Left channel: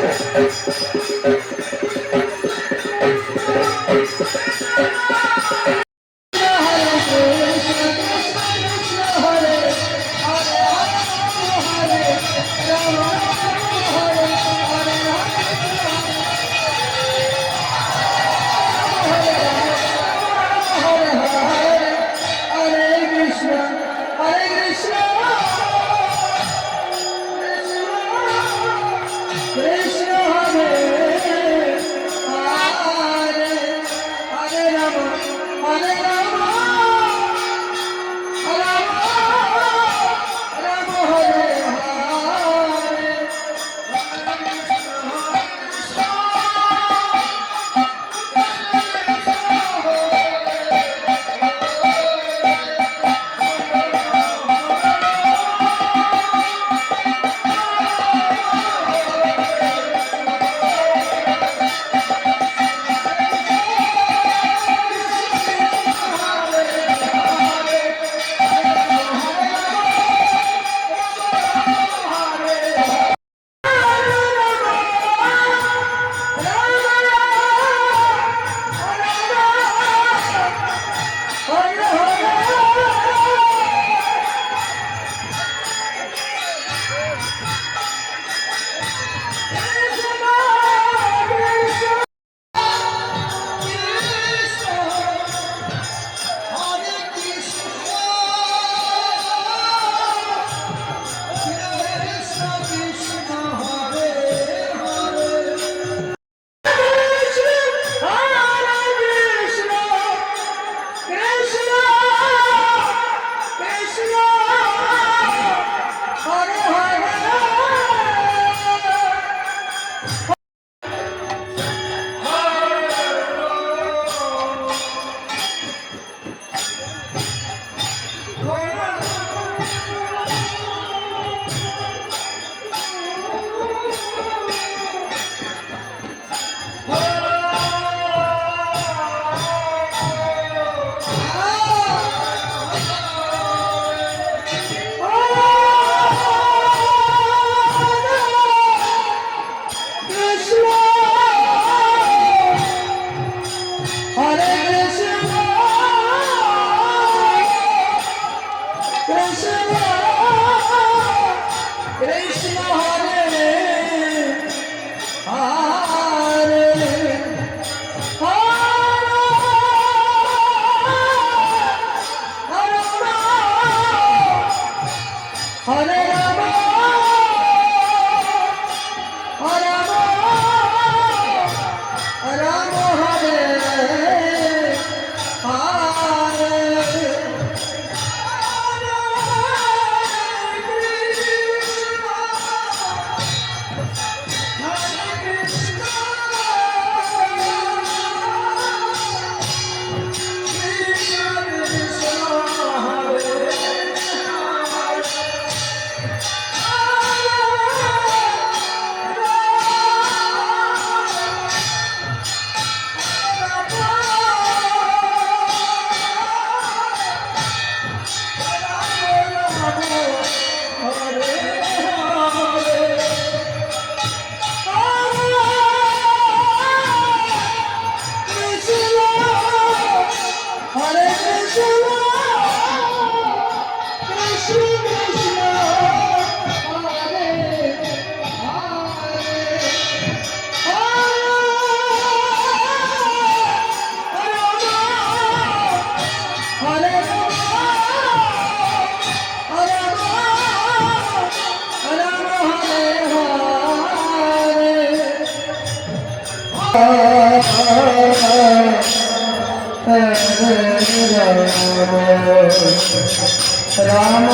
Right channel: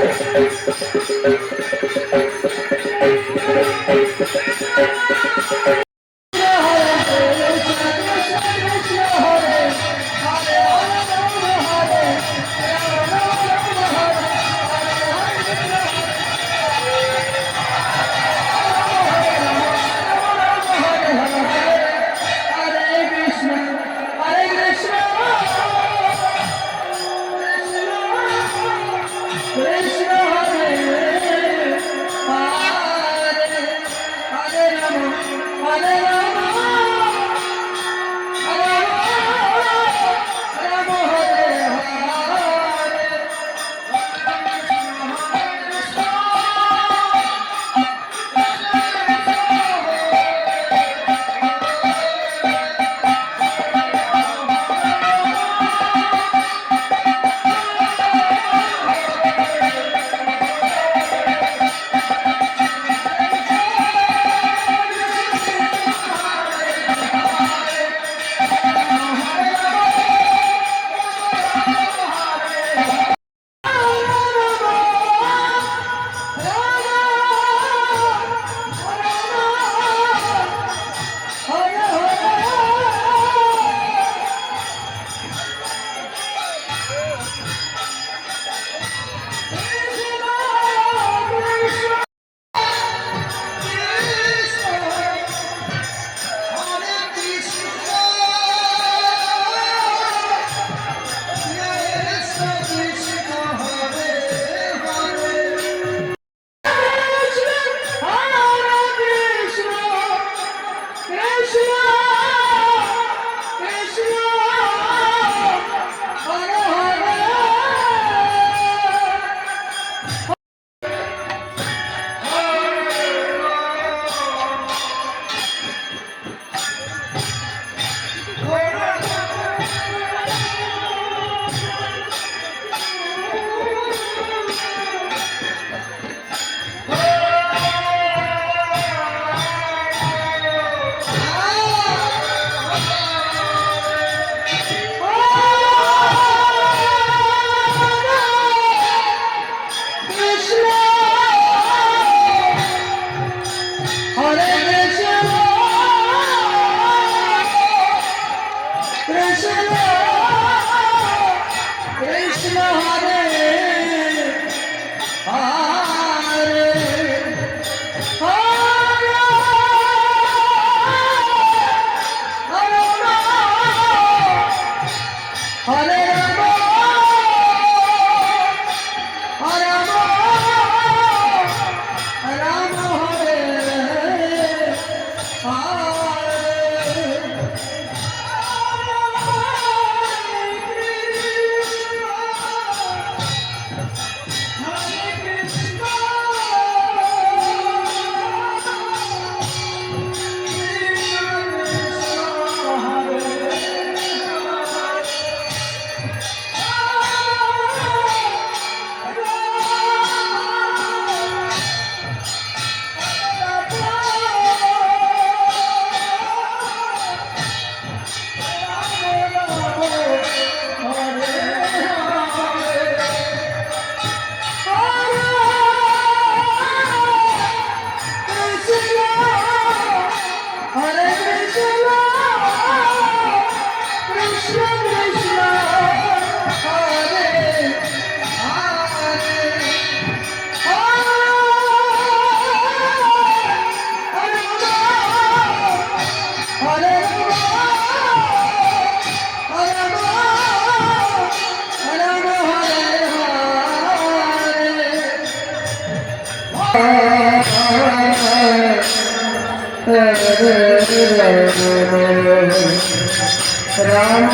Thank you. Krishna. Ram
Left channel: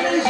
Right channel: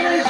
Yes.